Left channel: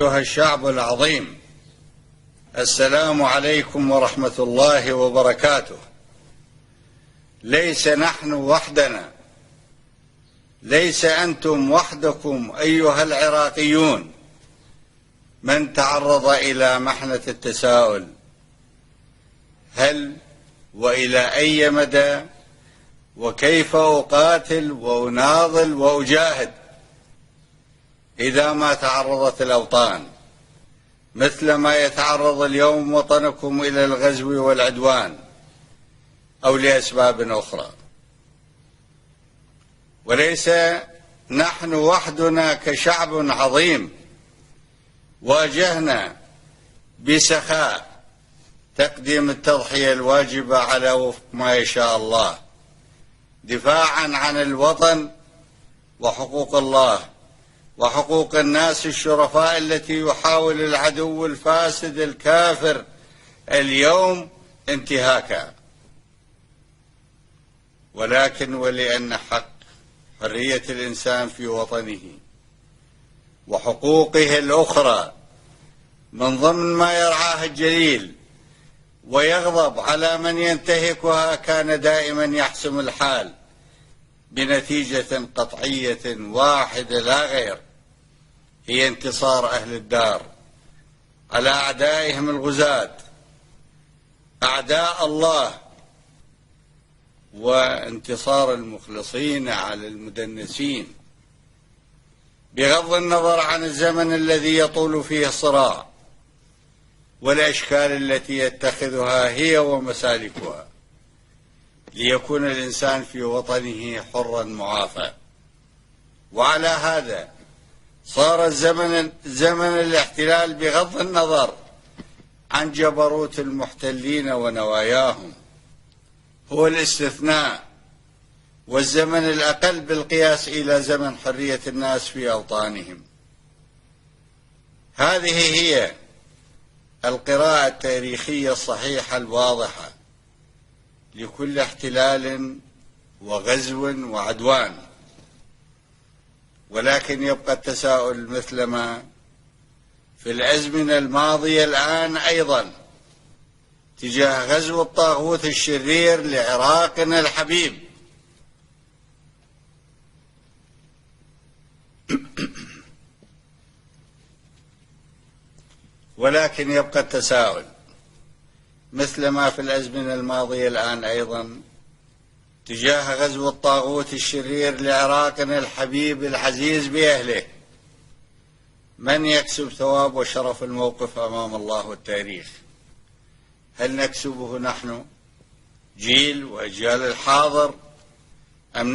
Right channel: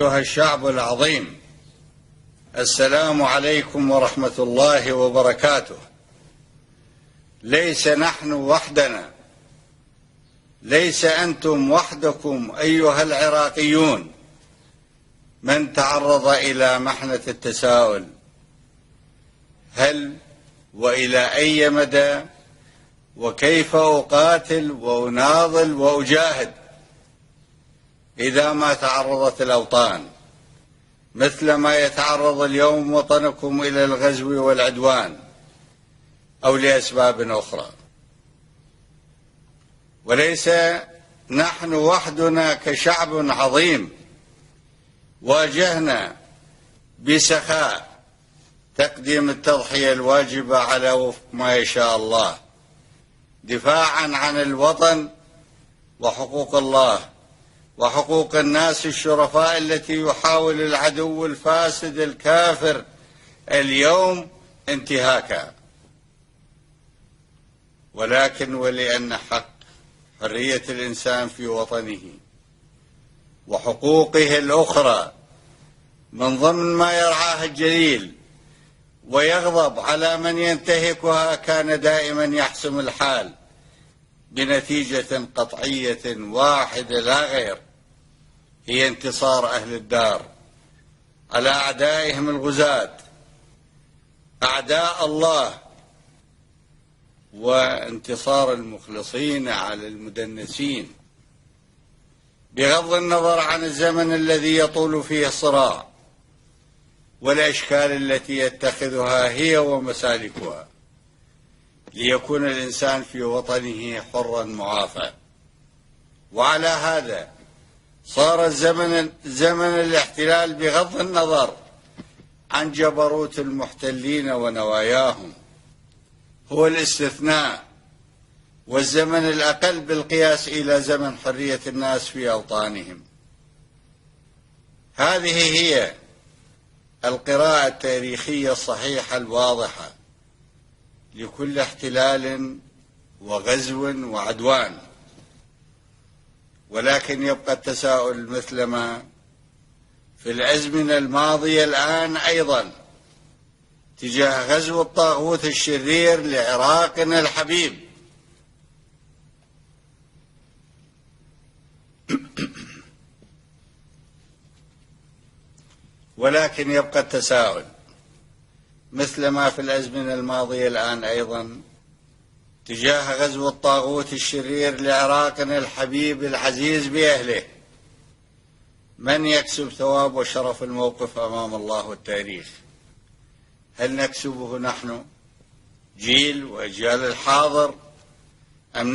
أيها الشعب العظيم، السلام عليكم ورحمة الله وبركاته. ليس نحن وحدنا، ليس أنتم وحدكم أيها العراقيون من تعرض إلى محنة التساؤل: هل وإلى أي مدى وكيف أقاتل وأناضل وأجاهد إذا ما تعرضت الأوطان مثل ما يتعرض اليوم وطنكم إلى الغزو والعدوان أو لأسباب أخرى؟ وليس نحن وحدنا كشعب عظيم واجهنا بسخاء تقديم التضحية الواجبة على وفق ما يشاء الله، دفاعا عن الوطن وحقوق الله وحقوق الناس الشرفاء التي يحاول العدو الفاسد الكافر اليوم انتهاكها. ولكن ولأن حق حرية الإنسان في وطنه وحقوقه الأخرى من ضمن ما يرعاه الجليل ويغضب على من ينتهكها، كان دائما يحسم الحال بنتيجة قطعية واحدة لا غير، هي انتصار أهل الدار على أعدائهم الغزاة أعداء الله، وانتصار المخلصين على المدنسين، بغض النظر عن الزمن الذي يطول فيه الصراع والأشكال التي يتخذها هي ومسالكها، ليكون الإنسان في وطنه حرا معافى. وعلى هذا صار زمن الاحتلال بغض النظر عن جبروت المحتلين ونواياهم هو الاستثناء والزمن الأقل بالقياس إلى زمن حرية الناس في أوطانهم. هذه هي القراءة التاريخية الصحيحة الواضحة لكل احتلال وغزو وعدوان. ولكن يبقى التساؤل مثل ما في الأزمنة الماضية الآن أيضا تجاه غزو الطاغوت الشرير لعراقنا الحبيب. ولكن يبقى التساؤل مثل ما في الأزمنة الماضية الآن أيضا تجاه غزو الطاغوت الشرير لعراقنا الحبيب العزيز بأهله: من يكسب ثواب وشرف الموقف أمام الله والتاريخ؟ هل نكسبه نحن جيل وأجيال الحاضر أم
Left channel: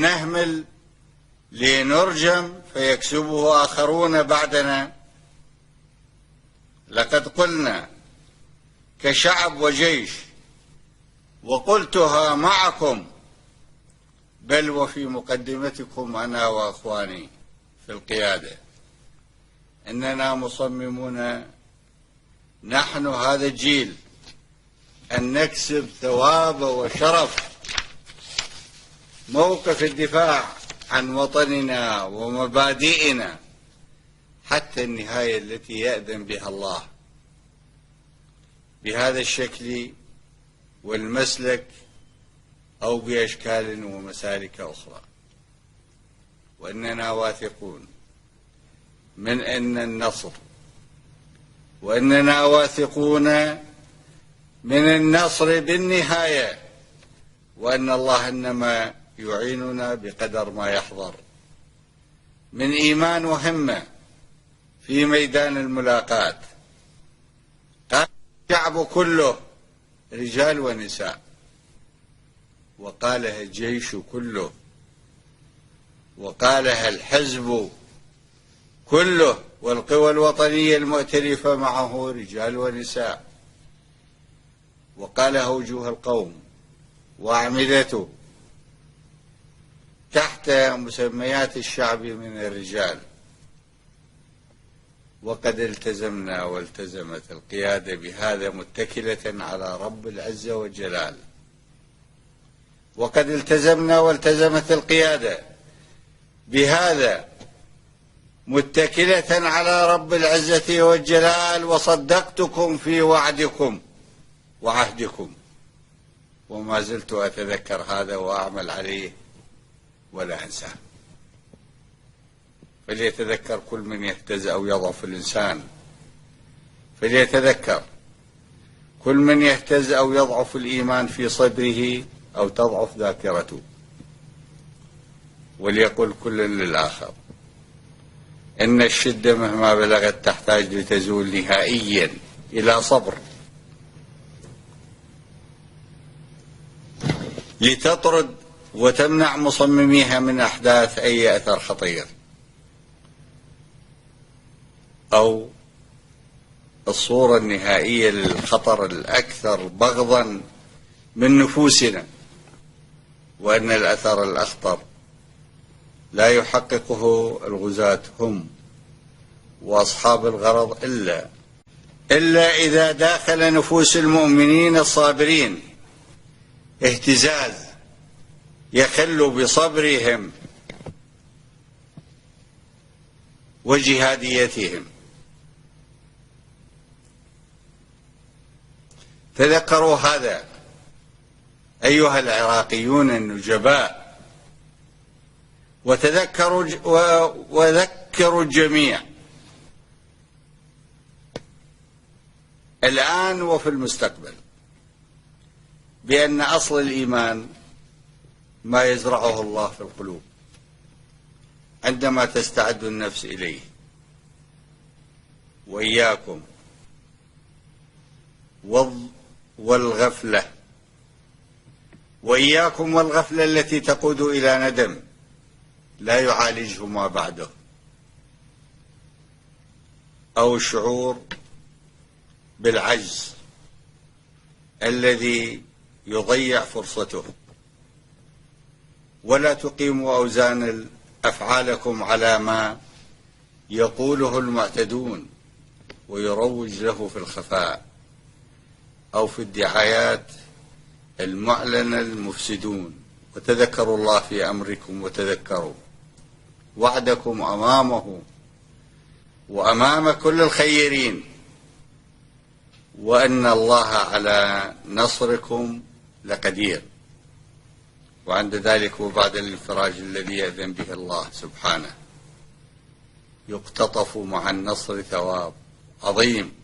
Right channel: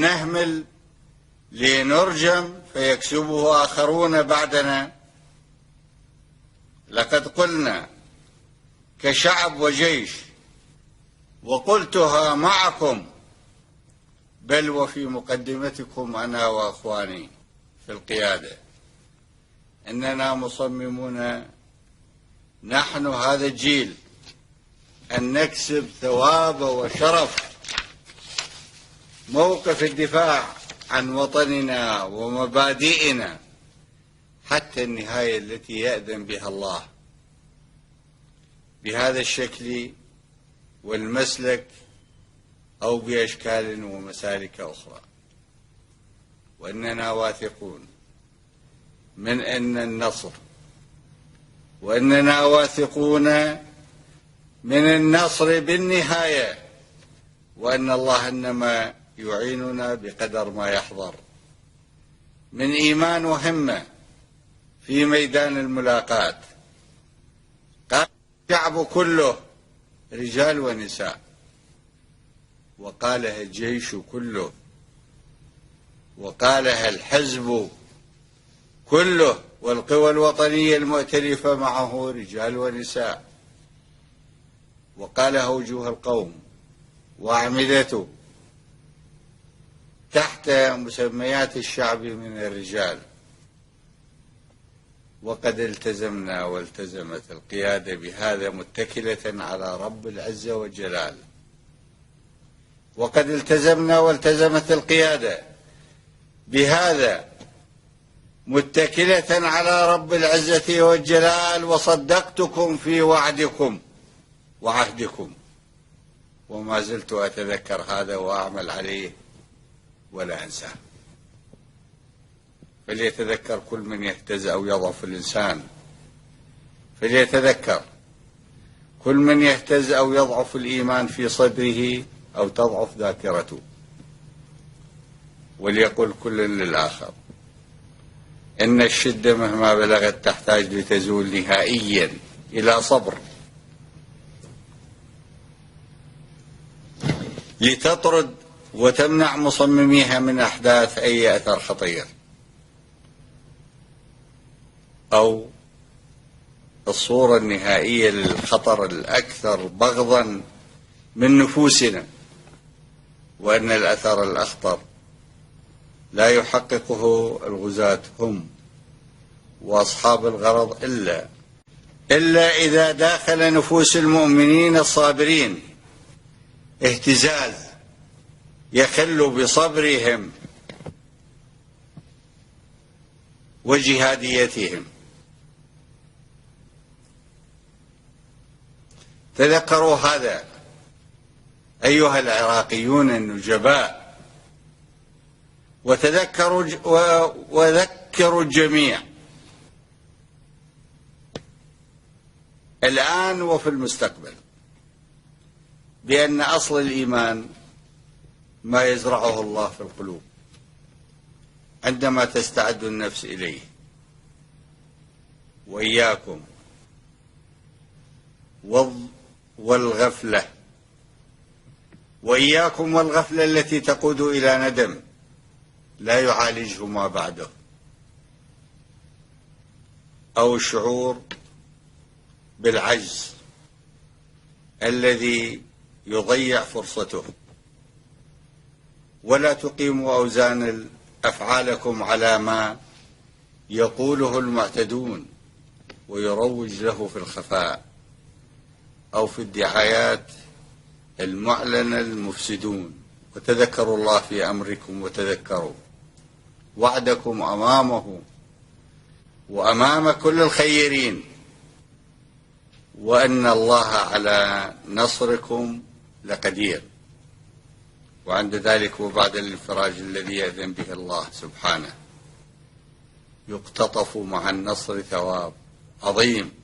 نهمل لنرجم فيكسبه آخرون بعدنا؟ لقد قلنا كشعب وجيش، وقلتها معكم بل وفي مقدمتكم أنا وأخواني في القيادة، أننا مصممون نحن هذا الجيل أن نكسب ثواب وشرف موقف الدفاع عن وطننا ومبادئنا حتى النهاية التي يأذن بها الله، بهذا الشكل والمسلك أو بأشكال ومسالك أخرى. وأننا واثقون من أن النصر، وأننا واثقون من النصر بالنهاية، وأن الله إنما يعيننا بقدر ما يحضر من إيمان وهمة في ميدان الملاقاة. قال الشعب كله رجال ونساء، وقالها الجيش كله، وقالها الحزب كله، والقوى الوطنية المؤتلفة معه رجال ونساء، وقالها وجوه القوم وأعمدته تحت مسميات الشعب من الرجال. وقد التزمنا والتزمت القيادة بهذا متكلة على رب العزة والجلال. وقد التزمنا والتزمت القيادة بهذا متكلة على رب العزة والجلال، وصدقتكم في وعدكم وعهدكم، وما زلت أتذكر هذا وأعمل عليه ولا أنساه. فليتذكر كل من يهتز أو يضعف الإنسان، فليتذكر كل من يهتز أو يضعف الإيمان في صدره أو تضعف ذاكرته، وليقل كل للآخر إن الشدة مهما بلغت تحتاج لتزول نهائيا إلى صبر، لتطرد وتمنع مصمميها من أحداث أي أثر خطير أو الصورة النهائية للخطر الأكثر بغضا من نفوسنا، وأن الأثر الأخطر لا يحققه الغزاة هم وأصحاب الغرض إلا إذا داخل نفوس المؤمنين الصابرين اهتزاز يخل بصبرهم وجهاديتهم. تذكروا هذا أيها العراقيون النجباء، وذكروا الجميع الآن وفي المستقبل بأن أصل الإيمان ما يزرعه الله في القلوب عندما تستعد النفس إليه. وإياكم والغفلة، وإياكم والغفلة التي تقود إلى ندم لا يعالجه ما بعده، أو الشعور بالعجز الذي يضيع فرصته. ولا تقيموا أوزان أفعالكم على ما يقوله المعتدون ويروج له في الخفاء أو في الدعايات المعلنة المفسدون. وتذكروا الله في أمركم، وتذكروا وعدكم أمامه وأمام كل الخيرين، وأن الله على نصركم لقدير. وعند ذلك وبعد الانفراج الذي يأذن به الله سبحانه يقتطف مع النصر ثواب عظيم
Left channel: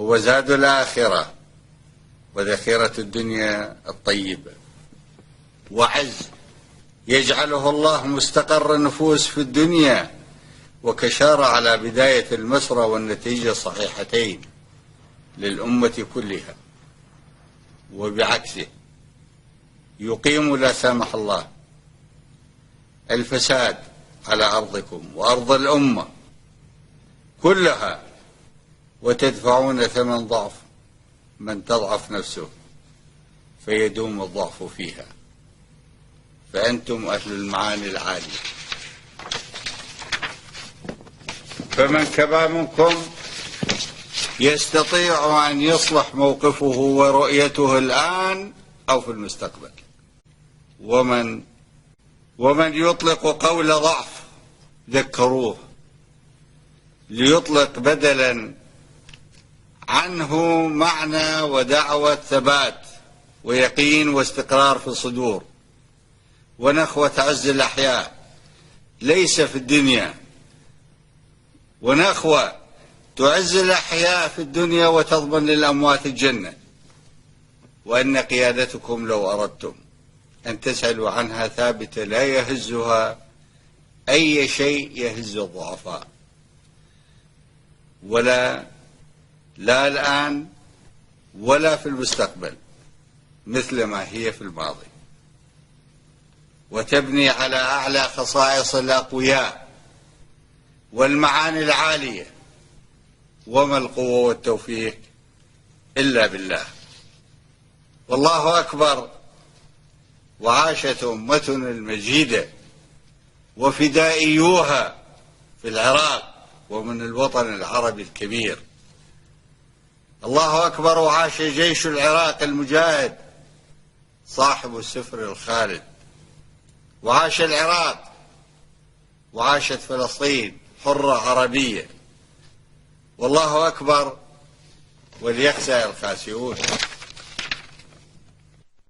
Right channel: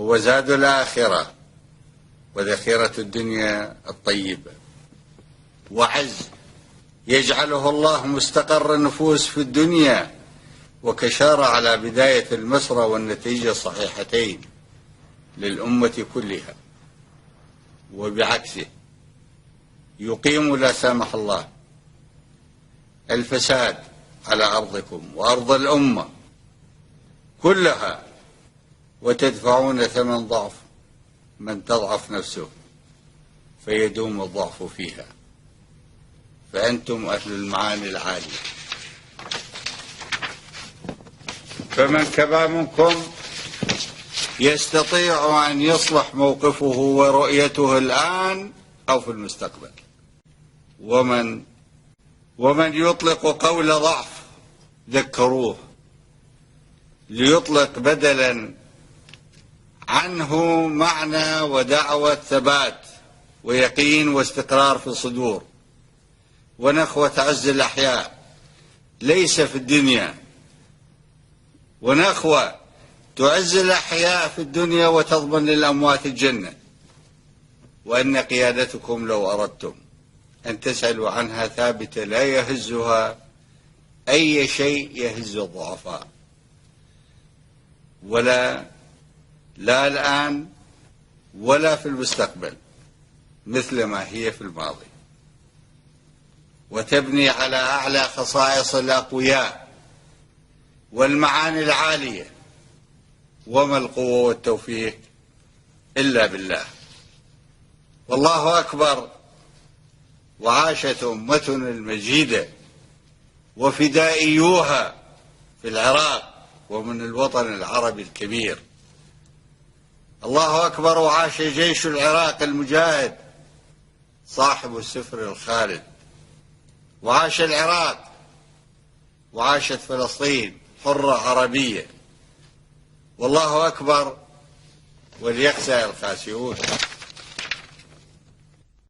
هو زاد الآخرة وذخيرة الدنيا الطيبة، وعز يجعله الله مستقر النفوس في الدنيا، وكشارة على بداية المسرى والنتيجة الصحيحتين للأمة كلها. وبعكسه يقيم لا سامح الله الفساد على أرضكم وأرض الأمة كلها، وتدفعون ثمن ضعف من تضعف نفسه فيدوم الضعف فيها، فأنتم أهل المعاني العالية. فمن كبا منكم يستطيع أن يصلح موقفه ورؤيته الآن أو في المستقبل. ومن يطلق قول ضعف ذكروه ليطلق بدلا عنه معنى ودعوة ثبات ويقين واستقرار في الصدور ونخوة عز الأحياء ليس في الدنيا، ونخوة تعز الأحياء في الدنيا وتضمن للأموات الجنة. وأن قيادتكم لو أردتم أن تسألوا عنها ثابتة لا يهزها أي شيء يهز الضعفاء، لا الآن ولا في المستقبل مثل ما هي في الماضي، وتبني على أعلى خصائص الأقوياء والمعاني العالية. وما القوة والتوفيق إلا بالله. والله أكبر. وعاشت أمتنا المجيدة وفدائيوها في العراق ومن الوطن العربي الكبير. الله أكبر. وعاش جيش العراق المجاهد صاحب السفر الخالد. وعاش العراق، وعاشت فلسطين حرة عربية. والله أكبر وليخزى الخاسئون.